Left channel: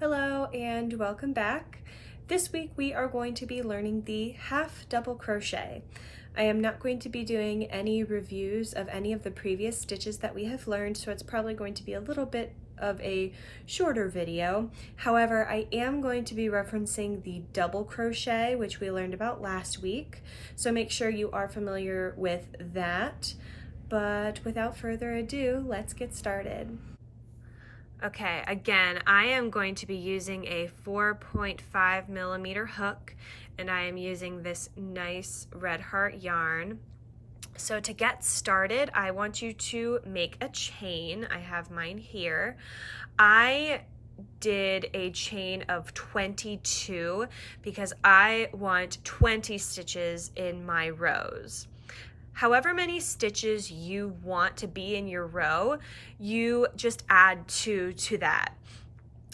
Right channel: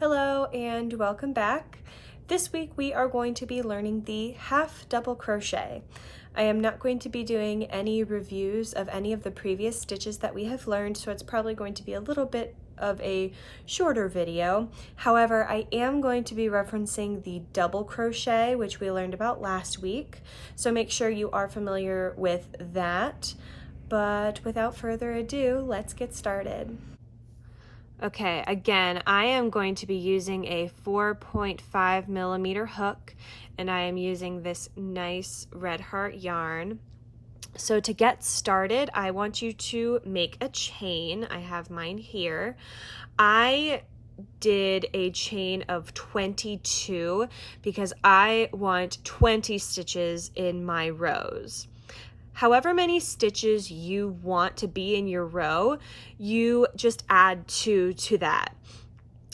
Hello and welcome back. This week we are going to be learning the half double crochet. I am not going to be doing any reviews of any of the previous stitches that we have learned, so it's probably going to be a little bit of a shorter video. However, I am going to be referencing the double crochet, which we learned about last week, so make sure you are familiar with that. But without further ado, let's get started. Okay, again, I am going to be using a 4.5 millimeter hook, and I am using this nice red heart yarn. So to get started, I want you to make a chain. I have mine here. I did a chain of 22 because I want 20 stitches in my rows. However many stitches you want to be in your row, you just add 2 to that.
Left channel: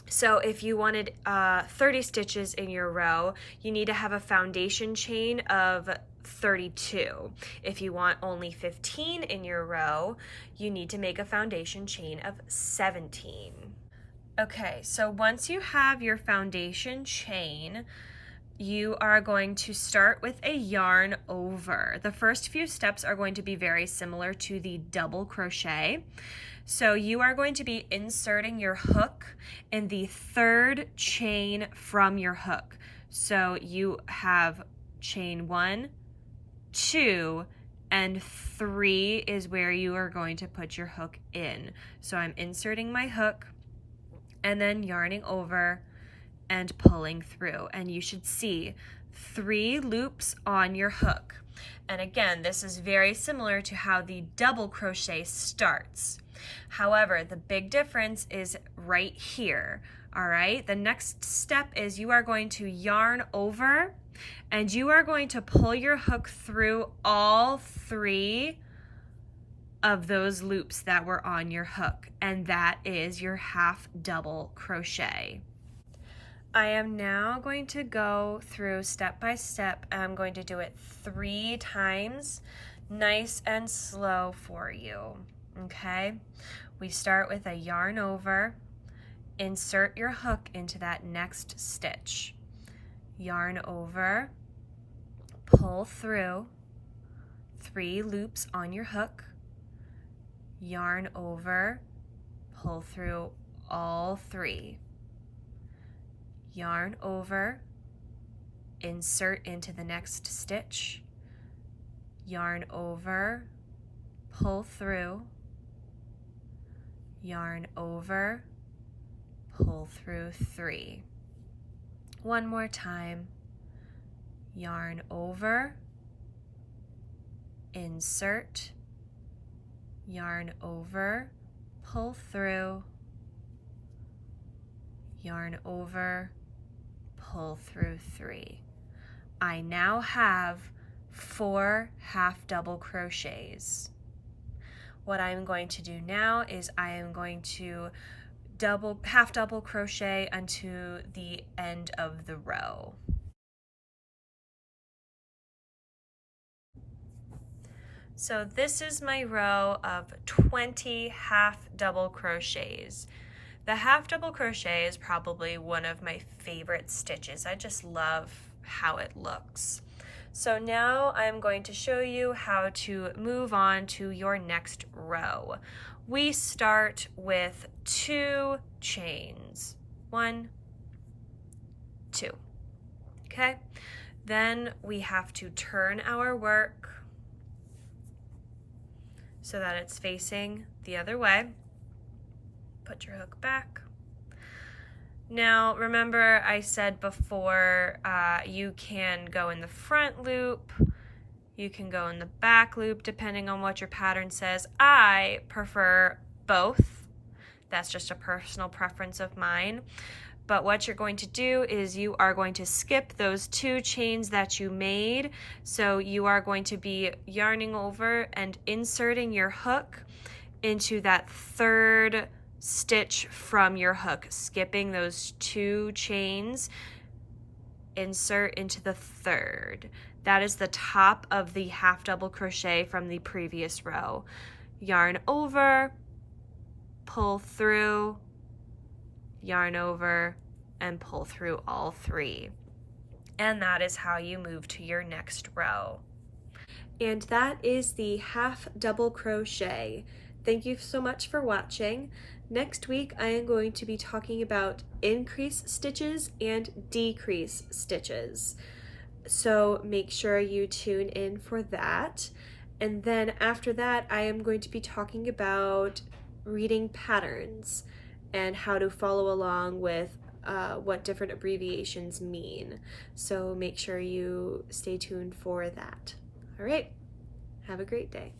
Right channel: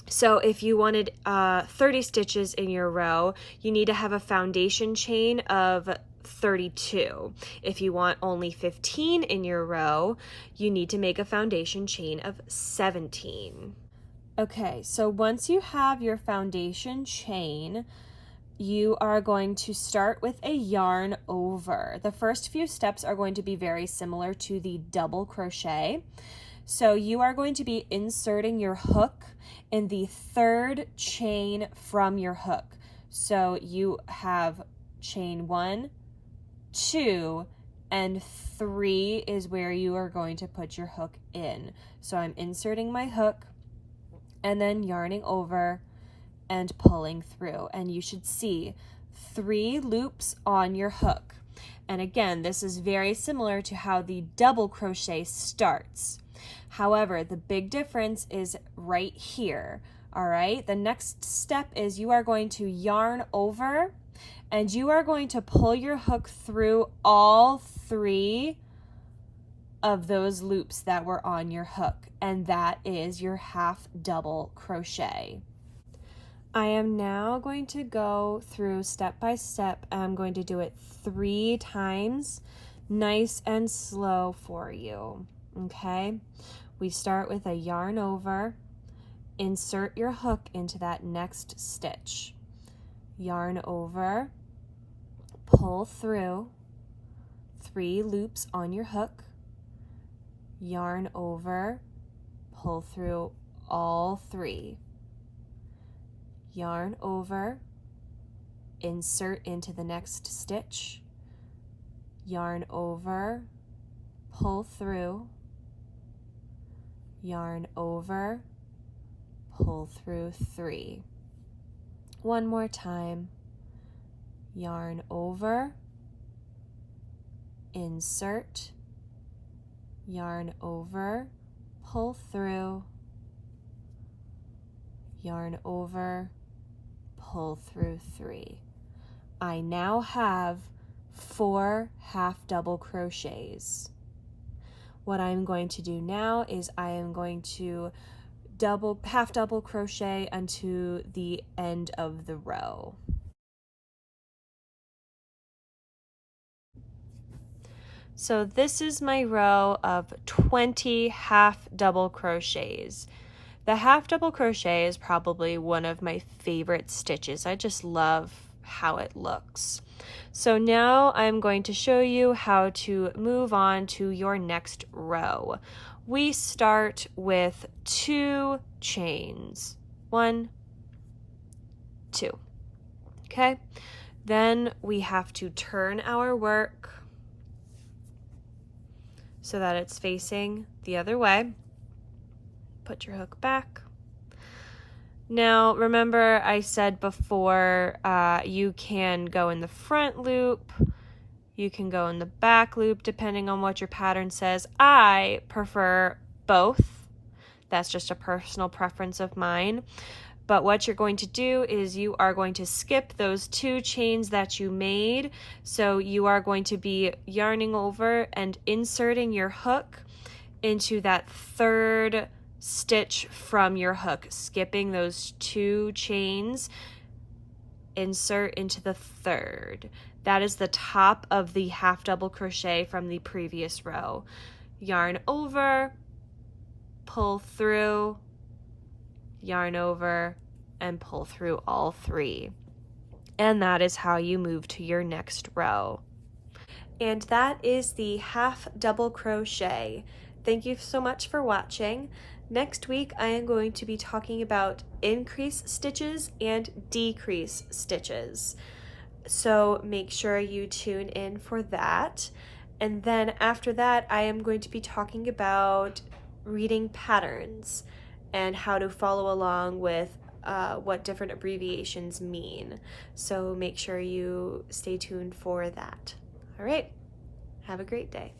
So if you wanted 30 stitches in your row, you need to have a foundation chain of 32. If you want only 15 in your row, you need to make a foundation chain of 17. Okay, so once you have your foundation chain, you are going to start with a yarn over. The first few steps are going to be very similar to the double crochet. So you are going to be inserting your hook in the third chain from your hook. So you have chain 1, 2, and 3 is where you are going to put your hook in. So I'm inserting my hook and then yarning over and pulling through, and you should see 3 loops on your hook. And again, this is very similar to how the double crochet starts. However, the big difference is right here. All right, the next step is you are going to yarn over and you are going to pull your hook through all 3 of those loops that were on your hook, and that is your half double crochet. I am now going to go through step by step. I'm going to do it 3 times, nice and slow for you, okay? We start with a yarn over, insert your hook into that next stitch, yarn over, pull through, 3 loops on your hook, yarn over, pull through all 3. Yarn over, insert into the next stitch, yarn over, pull through, yarn over, pull through 3. One more time, yarn over, insert, yarn over, pull through, yarn over, pull through 3. I now have 4 half double crochets. What I'm going to do now is I am going to half double crochet unto the end of the row. So this is my row of 20 half double crochets. The half double crochet is probably one of my favorite stitches. I just love how it looks. So now I'm going to show you how to move on to your next row. We start with 2 chains. 1, 2. Okay? Then we have to turn our work so that it's facing the other way. Put your hook back. Now remember I said before you can go in the front loop, you can go in the back loop depending on what your pattern says. I prefer both. That's just a personal preference of mine. But what you're going to do is you are going to skip those 2 chains that you made. So you are going to be yarning over and inserting your hook into that third stitch from your hook, skipping those 2 chains, insert into the third. That is the top of the half double crochet from the previous row. Yarn over, pull through, yarn over, and pull through all 3. And that is how you move to your next row. And that is the half double crochet. Thank you so much for watching. Next week, I am going to be talking about increase stitches and decrease stitches. So make sure you tune in for that. And then after that, I am going to be talking about reading patterns and how to follow along with what different abbreviations mean. So make sure you stay tuned for that. All right, have a great day.